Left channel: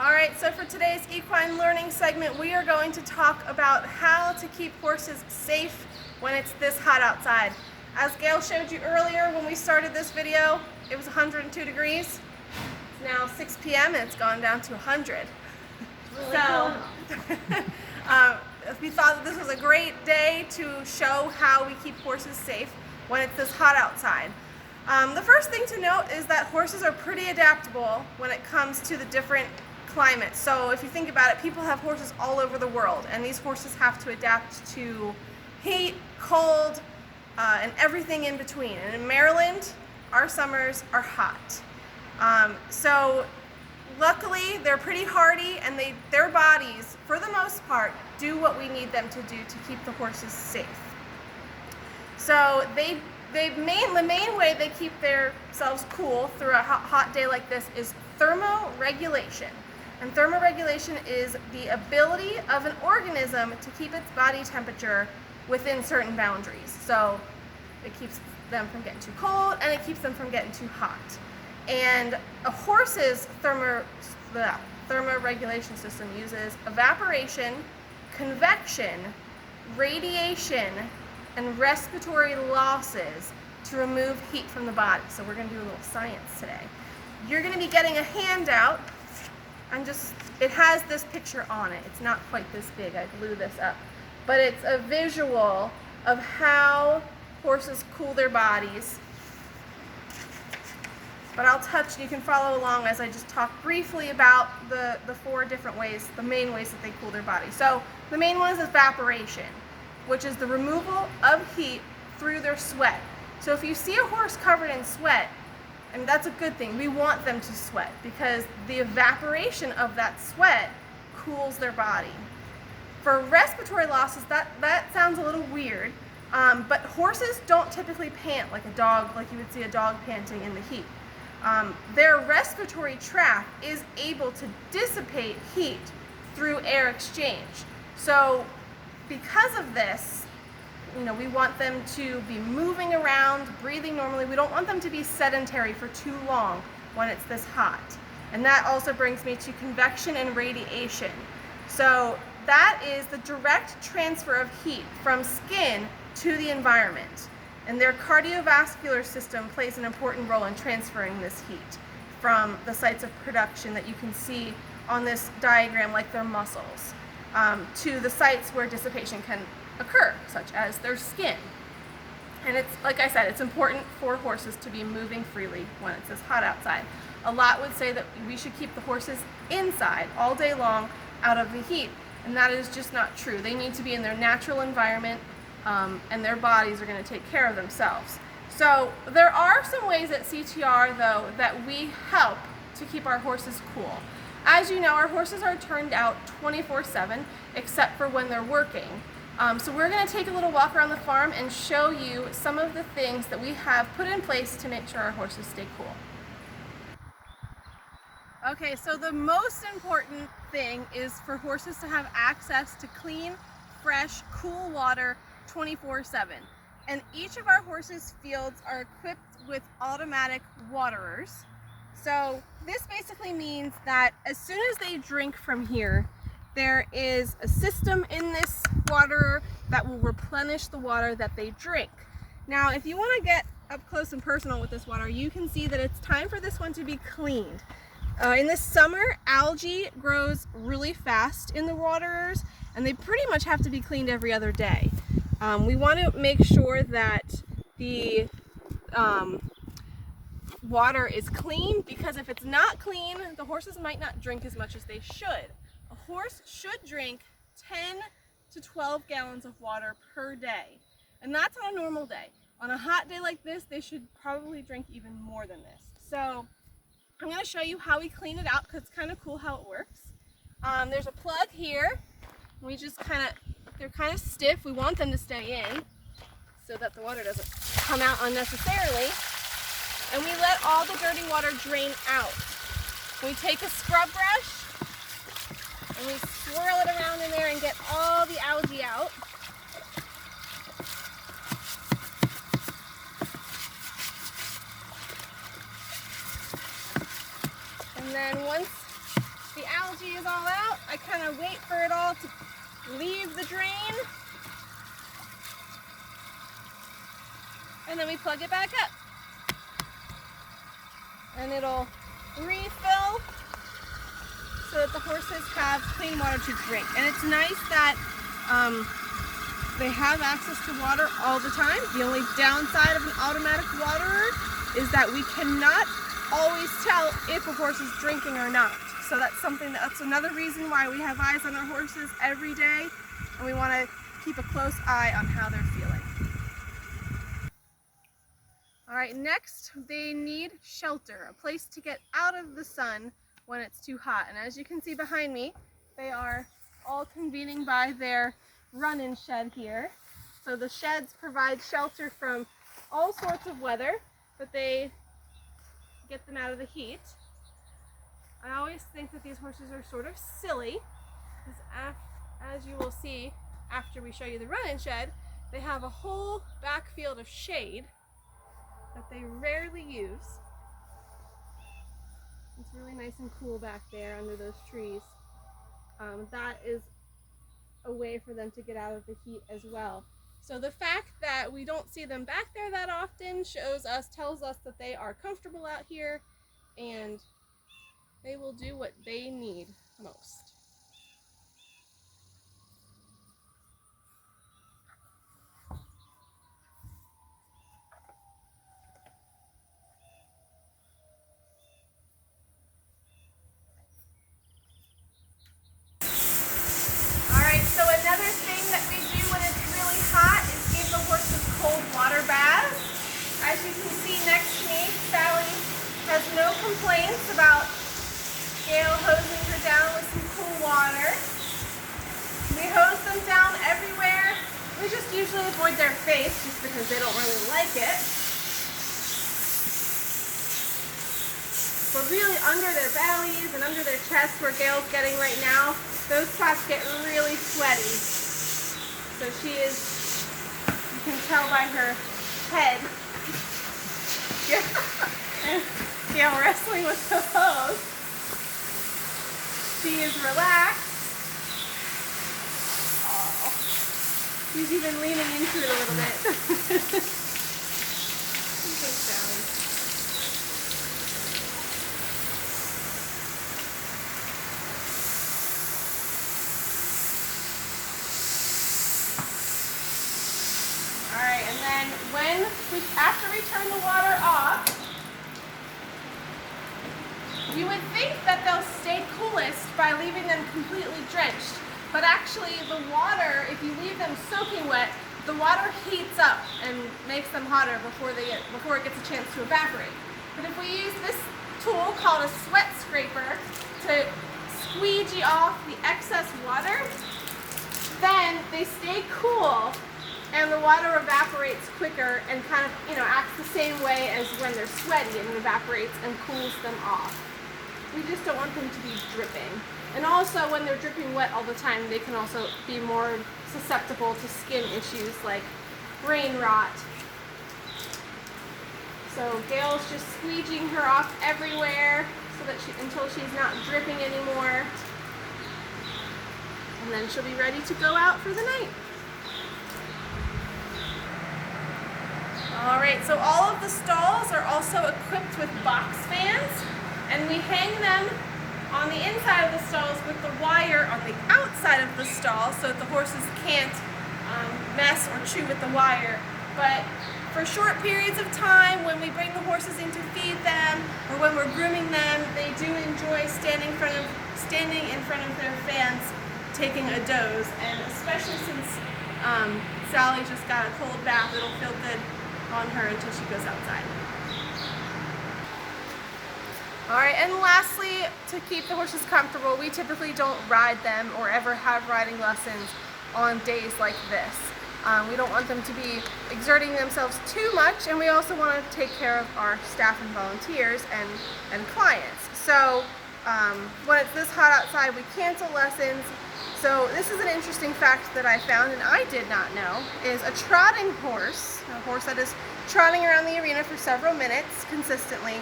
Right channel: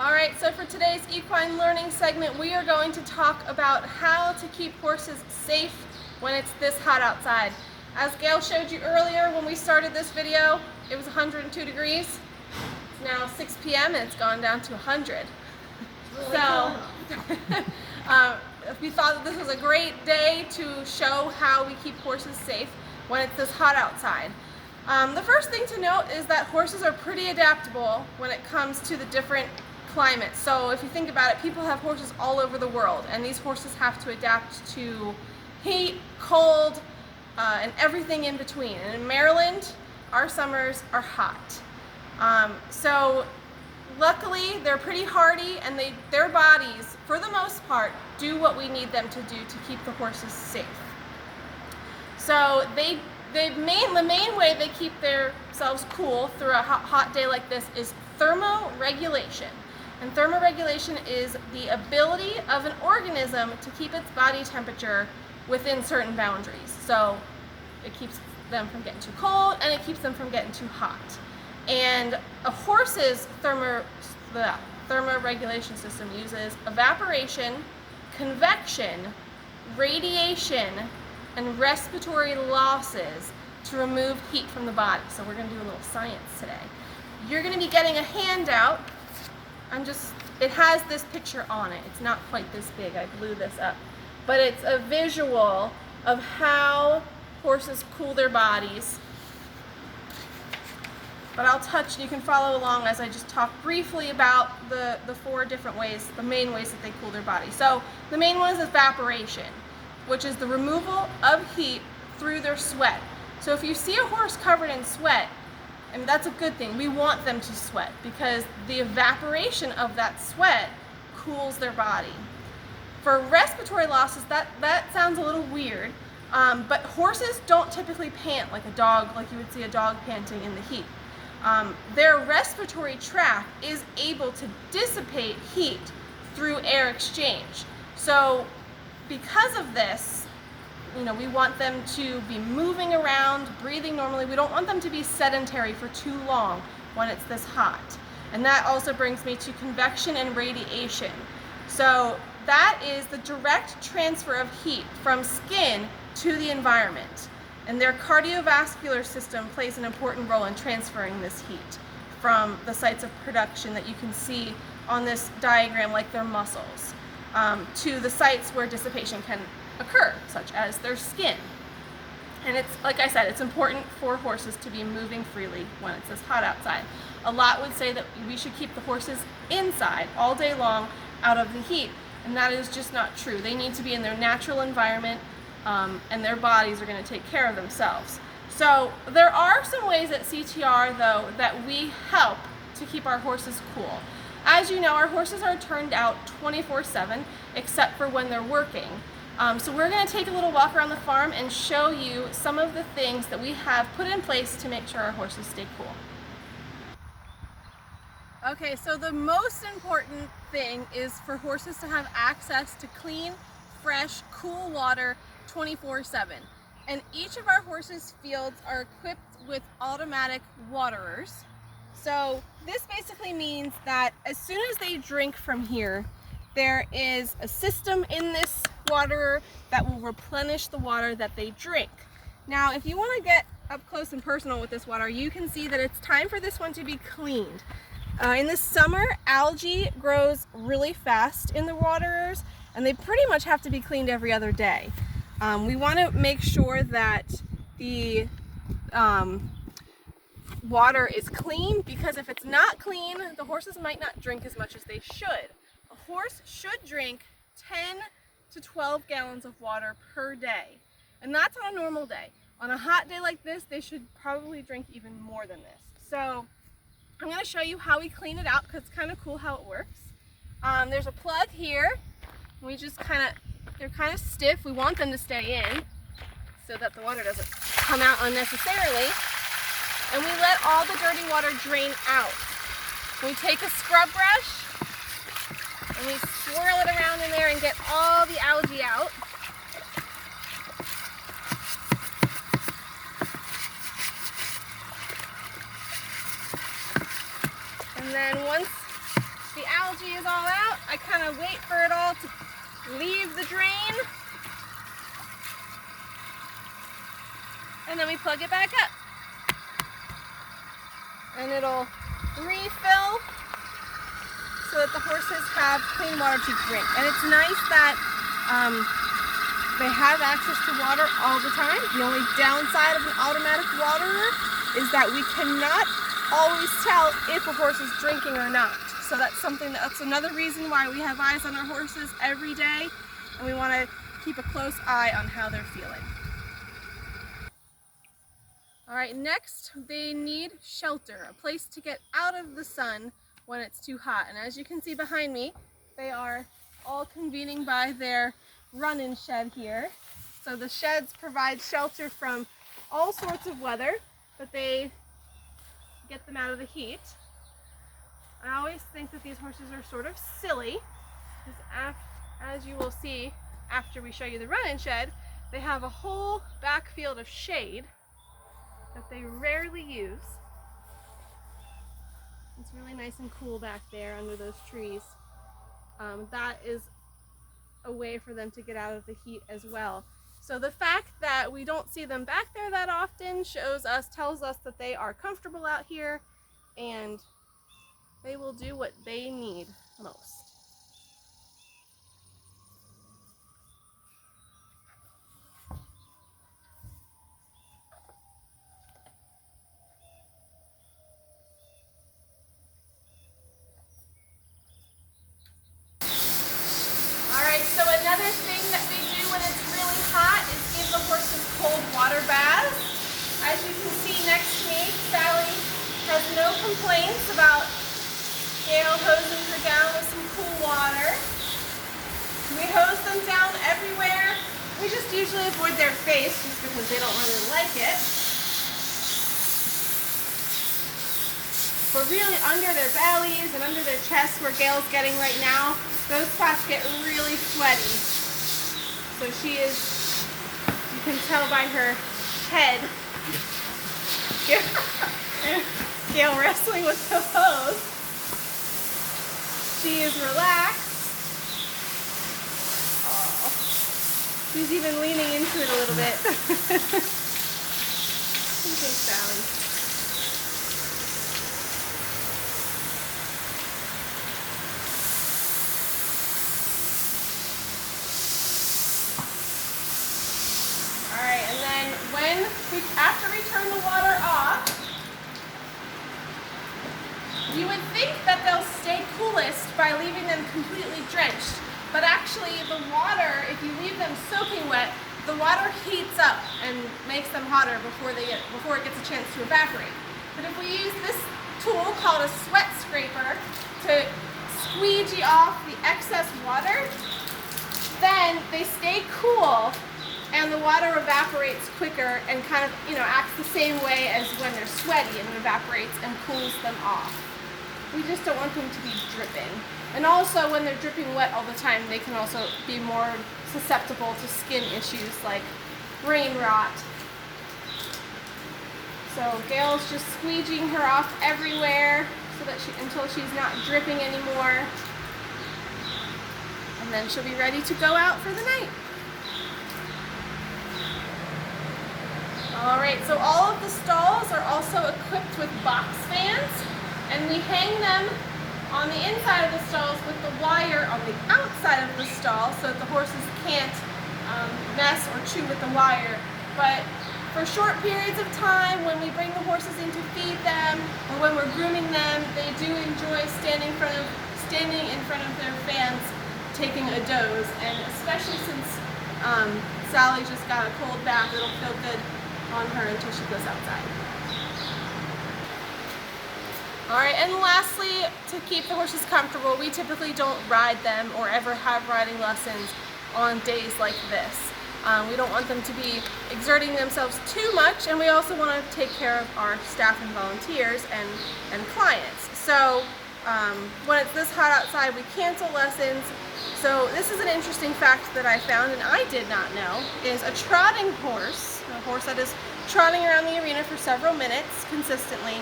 All right, so for today's equine learning segment, we are going to talk about how to keep horses safe when it's this hot outside. As Gayle showed you earlier when we started this video, it was 102 degrees. It's now 6 p.m. and it's gone down to 100. So we thought that this was a great day to show how we keep horses safe when it's this hot outside. The first thing to note is that horses are pretty adaptable when it comes to the different climates. So if you think about it, people have horses all over the world, and these horses have to adapt to heat, cold, and everything in between. And in Maryland, our summers are hot. So luckily, they're pretty hardy, and their bodies, for the most part, do what we need them to do to keep the horses safe. So the main way they keep themselves cool through a hot day like this is thermoregulation. And thermoregulation is the ability of an organism to keep its body temperature within certain boundaries. So it keeps them from getting too cold and it keeps them from getting too hot. And a horse's thermoregulation system uses evaporation, convection, radiation, and respiratory losses to remove heat from the body. So we're going to do a little science today. You're going to be getting a handout. It has this picture on it. It's not quite this big. I blew this up. But it's a visual of how horses cool their bodies. But you can follow along as I just talk briefly about the four different ways, the main ways that they cool their body. So the main one is evaporation, which is the removal of heat through their sweat. So if you see a horse covered in sweat, and that's a good thing, we want them to sweat because the evaporation of that sweat cools their body. For respiratory losses, that sounds a little weird, but horses don't typically pant like a dog, like you would see a dog panting in the heat. Their respiratory tract is able to dissipate heat through air exchange. So because of this, we want them to be moving around, breathing normally. We don't want them to be sedentary for too long when it's this hot. And that also brings me to convection and radiation. So that is the direct transfer of heat from skin to the environment. And their cardiovascular system plays an important role in transferring this heat from the sites of production that you can see on this diagram, like their muscles, to the sites where dissipation can occur, such as their skin. And it's, like I said, it's important for horses to be moving freely when it's this hot outside. A lot would say that we should keep the horses inside all day long out of the heat, and that is just not true. They need to be in their natural environment, and their bodies are going to take care of themselves. So there are some ways at CTR, though, that we help to keep our horses cool. As you know, our horses are turned out 24/7, except for when they're working. So we're going to take a little walk around the farm and show you some of the things that we have put in place to make sure our horses stay cool. Okay, so the most important thing is for horses to have access to clean, fresh, cool water 24/7. And each of our horses' fields are equipped with automatic waterers. So this basically means that as soon as they drink from here, there is a system in this waterer that will replenish the water that they drink. Now, if you want to get up close and personal with this water, you can see that it's time for this one to be cleaned. In the summer, algae grows really fast in the waterers, and they pretty much have to be cleaned every other day. We want to make sure that the water is clean, because if it's not clean, the horses might not drink as much as they should. A horse should drink 10 to 12 gallons of water per day, and that's on a normal day. On a hot day like this, they should probably drink even more than this. So I'm going to show you how we clean it out, because it's kind of cool how it works. There's a plug here. They're kind of stiff. We want them to stay in so that the water doesn't come out unnecessarily. And we let all the dirty water drain out. We take a scrub brush and we swirl it around in there and get all the algae out. And then once the algae is all out, I kind of wait for it all to leave the drain. And then we plug it back up. And it'll refill so that the horses have clean water to drink. And it's nice that they have access to water all the time. The only downside of an automatic waterer is that we cannot always tell if a horse is drinking or not. So that's another reason why we have eyes on our horses every day, and we want to keep a close eye on how they're feeling. All right, next they need shelter, a place to get out of the sun when it's too hot. And as you can see behind me, they are all convening by their run-in shed here. So the sheds provide shelter from all sorts of weather, but they get them out of the heat. I always think that these horses are sort of silly, because as you will see after we show you the run-in shed, they have a whole backfield of shade that they rarely use. It's really nice and cool back there under those trees. That is a way for them to get out of the heat as well. So the fact that we don't see them back there that often tells us that they are comfortable out here and they will do what they need most. So another thing that we do when it's really hot is give the horses cold water baths. As you can see next to me, Sally has no complaints about Gayle hosing her down with some cool water. We hose them down everywhere. We just usually avoid their face just because they don't really like it. But really under their bellies and under their chests where Gayle's getting right now, those spots get really sweaty. So she is, you can tell by her head, Gayle wrestling with the hose. She is relaxed. Oh, she's even leaning into it a little bit. She's so Sally. After we turn the water off, you would think that they'll stay coolest by leaving them completely drenched. But actually the water, if you leave them soaking wet, the water heats up and makes them hotter before it gets a chance to evaporate. But if we use this tool called a sweat scraper to squeegee off the excess water, then they stay cool and the water evaporates quicker and kind of, acts the same way as when they're sweaty and evaporates and cools them off. We just don't want them to be dripping. And also when they're dripping wet all the time, they can also be more susceptible to skin issues like brain rot. So Gayle's just squeegeeing her off everywhere so that until she's not dripping anymore. And then she'll be ready to go out for the night. Alright, so all of the stalls are also equipped with box fans, and we hang them on the inside of the stalls with the wire on the outside of the stall so that the horses can't mess or chew with the wire. But for short periods of time, when we bring the horses in to feed them or when we're grooming them, they do enjoy standing in front of their fans taking a doze, and especially since Sally just got a cold bath, it'll feel good on her until she goes outside. Alright, and lastly, to keep the horses comfortable, we typically don't ride them or ever have riding lessons on days like this. We don't want them to be exerting themselves too much, and we also want to take care of our staff and volunteers and clients. So when it's this hot outside, we cancel lessons. So this is an interesting fact that I found, and I did not know, is a trotting horse, a horse that is trotting around the arena for several minutes consistently,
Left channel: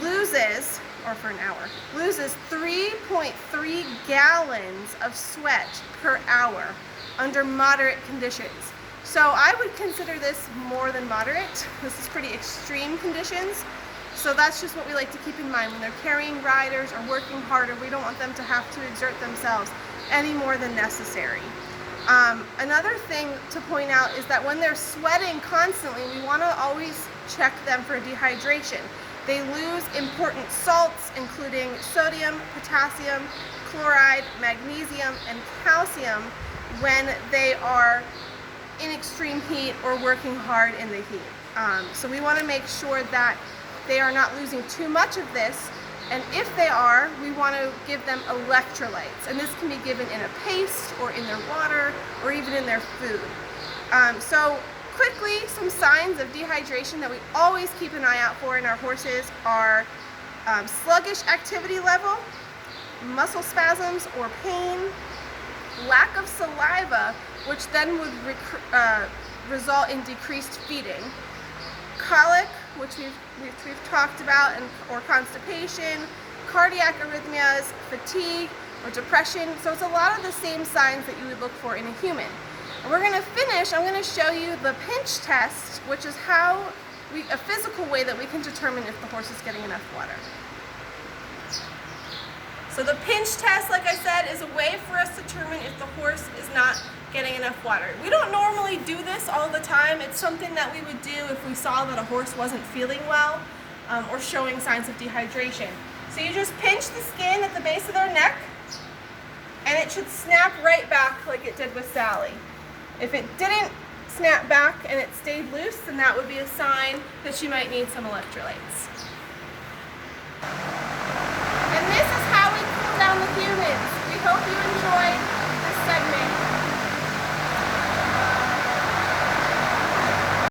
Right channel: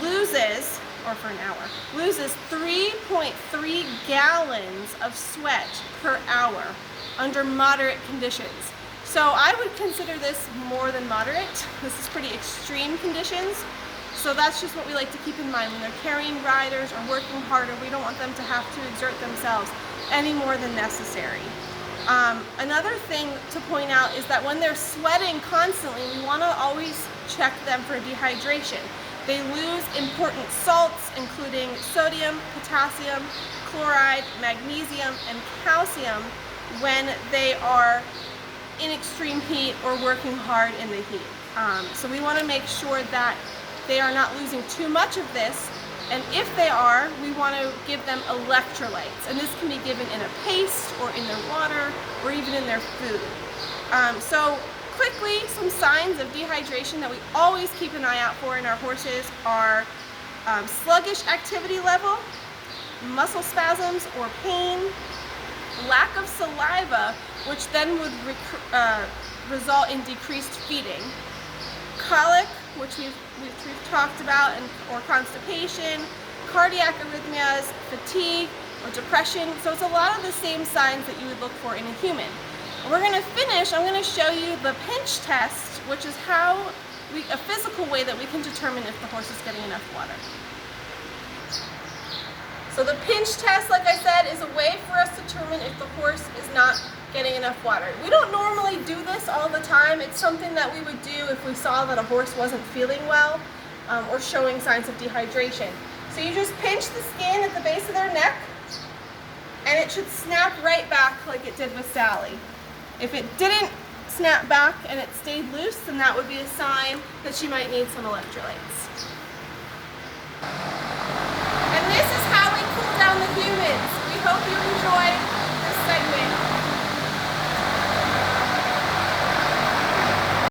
loses or for an hour, loses 3.3 gallons of sweat per hour under moderate conditions. So I would consider this more than moderate. This is pretty extreme conditions. So that's just what we like to keep in mind when they're carrying riders or working harder. We don't want them to have to exert themselves any more than necessary. Another thing to point out is that when they're sweating constantly, we want to always check them for dehydration. They lose important salts, including sodium, potassium, chloride, magnesium, and calcium when they are in extreme heat or working hard in the heat. So we want to make sure that they are not losing too much of this, and if they are, we want to give them electrolytes, and this can be given in a paste or in their water or even in their food. So quickly, some signs of dehydration that we always keep an eye out for in our horses are sluggish activity level, muscle spasms or pain, lack of saliva, which then would result in decreased feeding, colic, which we've talked about, or constipation, cardiac arrhythmias, fatigue, or depression. So it's a lot of the same signs that you would look for in a human. And we're going to finish, I'm going to show you the pinch test, which is a physical way that we can determine if the horse is getting enough water. So the pinch test, like I said, is a way for us to determine if the horse is not getting enough water. We don't normally do this all the time. It's something that we would do if we saw that a horse wasn't feeling well or showing signs of dehydration. So you just pinch the skin at the base of their neck, and it should snap right back like it did with Sally. If it didn't snap back and it stayed loose, then that would be a sign that she might need some electrolytes.